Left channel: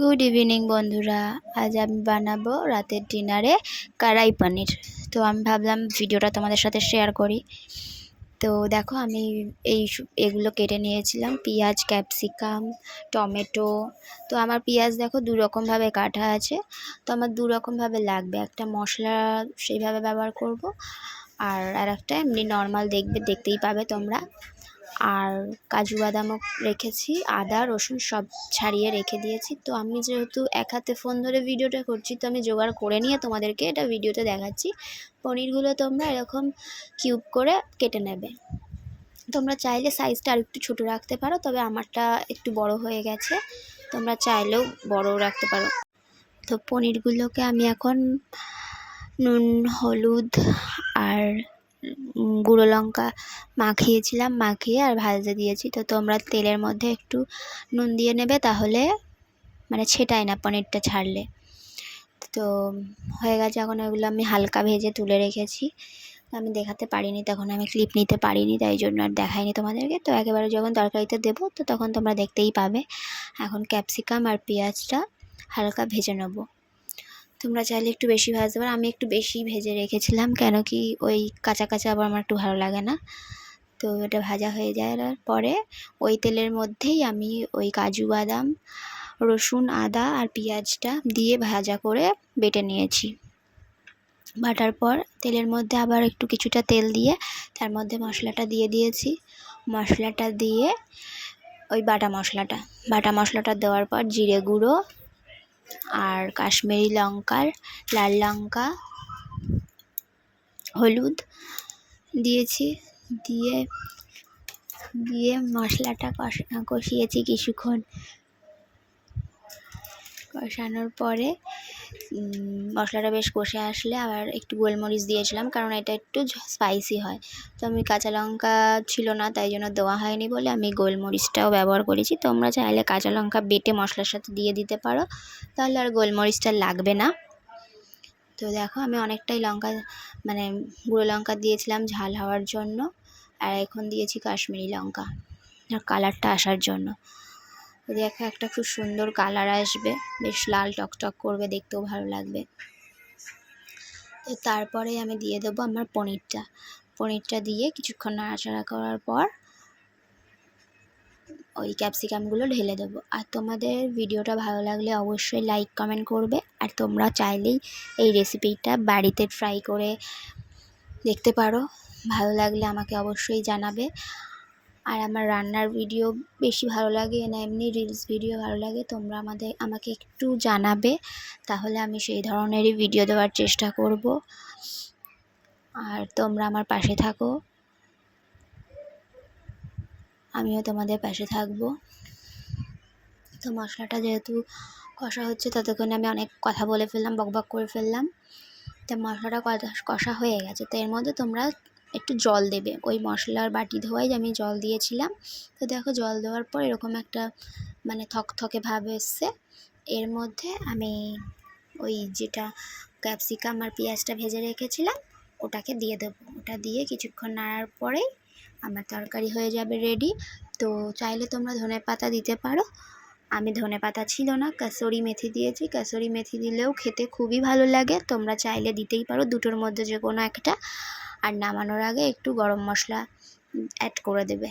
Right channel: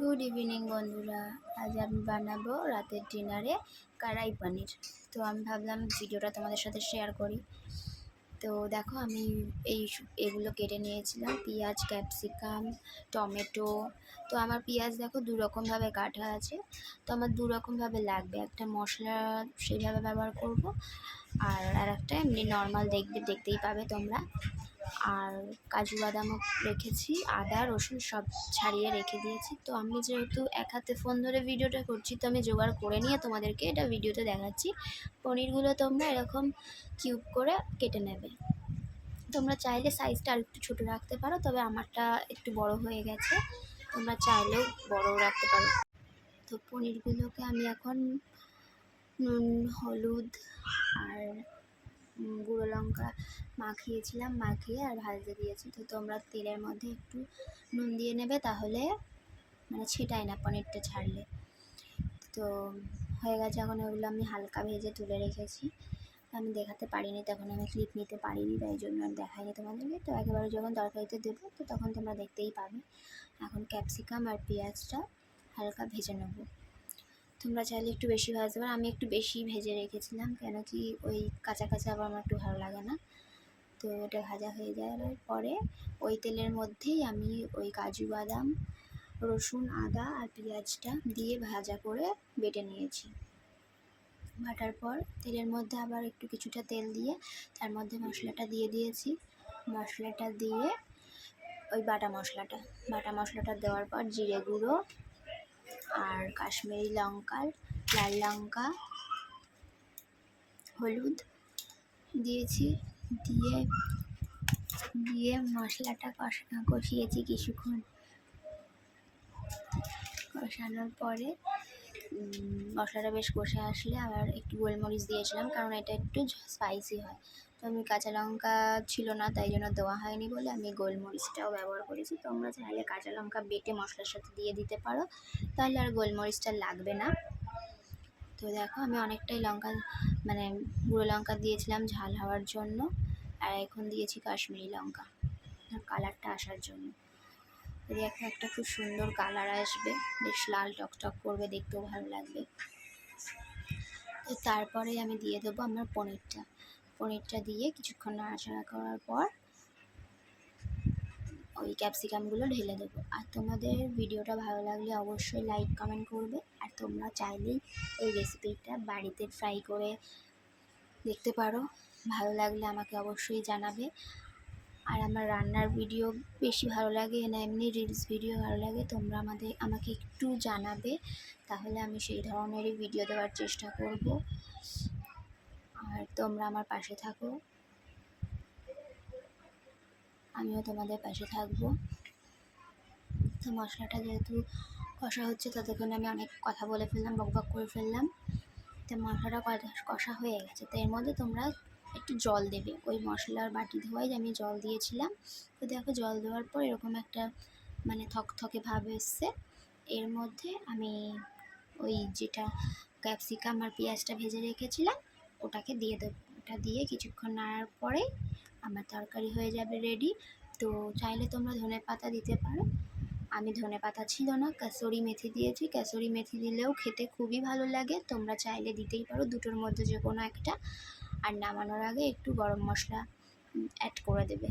Good evening বন্ধুরা। আজ আমি বানাবো রাতের ডিনারে কড়াই পনির। তো আমি ভাবলাম ভিডিওটা তোমাদের সাথে শেয়ার করি। তো দেখো আমি এগুলো কেটে নিয়েছিলাম, পেঁয়াজ, ক্যাপসিকাম, টমেটো। তো আমার পেঁয়াজ দেখো দু রকমভাবে কাটা আছে, তো আমার দু রকমভাবে লাগবে। একটা মশলা সেইভাবে ব্যবহার করব, আর একটা এমনি নর্মাল দেখতেই পাবে তোমরা। আর কাজু বাদামও রেখেছি, আদা রসুন সব ছাড়িয়ে রেখে দিয়েছি। তো আমি যেহেতু এক হাতে ফোন ধরে ভিডিওটা করছি, তো আমি জোগাড় করে নিয়ে তোমাদেরকে এটা ভিডিওতে দেখাচ্ছি। পনিরগুলো তোমরা এরকম কিউব করে কেটে নেবে। তোমরা চাইলে সাইজটা আর একটু ছোটো রাখতে পারো, তবে আমারটা একটু বড় হয়ে গেছে, তোমরা চাইলেও বড় রাখতে পারো। তো পনিরগুলোকে আমি এখন নুন, হলুদ আর গুঁড়ো লঙ্কা মাখিয়ে আর ভাজতে দিয়েছি। তো তোমরা তেলের মধ্যে একটু নুন দিয়ে নেবে, তাহলে মানে ছেটায় না পনিরটা ছাড়লে। তো হয়ে গেছে, এখন ওগুলো আমি হালকা ভেজে তুলে রেখেছি। আমি দেখাতে পারিনি, তখন আমি ক্লিপ নিতে পারিনি, তাই জন্য আর দেখাইনি তোমাদেরকে। তো একেবারে যখন তরকারিতে দেবো তো তখন তোমরা দেখতেই পাবে। এখন ক্যাপসিকাম আর পেঁয়াজটা হালকা ভেজে নেবো। তোমরা চাইলে একটু বেশি ভাজতে পারো, আমি একটু বেশি ভেজে রেখেছিলাম, কেন কি ওই কাঁচা কাঁচা আবার আমার একটু ভালো লাগে না। তো এটা ভাজা হয়ে যাওয়ার পরে ওই তেলের মধ্যেই আমি ওই কাজু বাদাম, রসুন, আদা আর পেঁয়াজটা দিয়ে ভাজা করে বেটে নিয়েছি। বাটার পর তেলের মধ্যে আবার একটু কিছুটা তেল দিয়ে তার মধ্যে মশলাটা দিয়ে দিয়েছি। মশলাটা দিয়ে ওই বাটা মশলাটা দেওয়ার পর জিরে গুঁড়ো আর কাশ্মীরি লঙ্কার লাল লঙ্কা, হলুদ দিয়েছি। দিয়ে মশলাটা কষিয়েছি কিছুক্ষণ। কষানোর পরে মশলাটা বেশ কষে আসলে আবার একটু গোলমরিচ দিয়েছিলাম, কারণ এটা একটু স্পাইসি হয়। তো আমি কাঁচা লঙ্কা ছিল না, তাই জন্য দেওয়া হয়নি বলে আমি গোলমরিচটাও ব্যবহার করেছি। তোমরা চাইলে কাঁচা লঙ্কা বেটে মশলার সাথে দিয়ে দিতে পারো, তাহলে আর গোলমরিচটা লাগবে না। তো দেখো আমি অনেকটাই লঙ্কা মানে গুঁড়ো লঙ্কা দিয়েছিলাম ঝাল হওয়ার জন্য, আর এখন দিয়েছি কাশ্মীরি লঙ্কা কালারটা আসার জন্য। দেখো একটা খুব সুন্দর কালার আসবে, বেশ লাল টকটক করবে, দেখতেও ভালো লাগবে। তো তারপরে আমি দিয়ে দেবো আমার পনিরটা দিয়ে কিছুক্ষণ নাড়াচাড়া করার পর ওই ক্যাপসিকামগুলো ঢেলে দেবো। আর তোমাদের ভিডিওটা ভালো লাগলে অবশ্যই লাইক কমেন্ট করবে, আর তোমরা চাইলেই এই রেসিপিটা বাড়িতে ট্রাই করে দেখতে পারো। ভালো লাগলে আমাকে অবশ্যই জানাবে। আর আমার রান্নার ভিডিও বেশি ভালো লাগে না এমনি রিলস ভিডিও ভালো লাগে, তোমরা আমাকে একটু জানাবে, তাহলে আমি সেই ধরনেরই ভিডিও দেওয়ার চেষ্টা করব। আর তোমরা আমার পাশে থাকো, আমিও তোমাদের পাশে থাকবো। তো মশলাটা যেহেতু কষা হচ্ছে, ততক্ষণে আমি অনেক কথা বলে ফেললাম, বকবক করে ফেললাম। তো মশলাটা কষা হয়ে গেছে, তো এর মধ্যে তোমরা একটু জল দেবে। ওই মশলার বাটি ধোয়াই আমি জল দিয়েছিলাম। তো দেখো জল দেওয়ার পর এরকম একটা মানে থকথকে ভাব এসছে। এর মধ্যে আমি ওই যেটা ক্যাপসিকাম আর পেঁয়াজটা ভেজে রেখেছিলাম ওটাকে দিয়ে দেবো। ওটা দিয়ে কিছুক্ষণ নাড়ার পরেই আমার তরকারি হয়ে যাবে রেডি। তো চাইলে তোমরা ধনেপাতা দিতে পারো, আমি ধনেপাতা ছিল না, কাসুরি মেথি দিয়েছি। কাসুরি মেথি দিলেও খেতে খুবই ভালো লাগে, তোমরা চাইলে দিতেই পারো, দুটোর মধ্যে যে কোনো একটা। আর নামানোর আগে একটু গরম মশলা অ্যাড করে দেবে।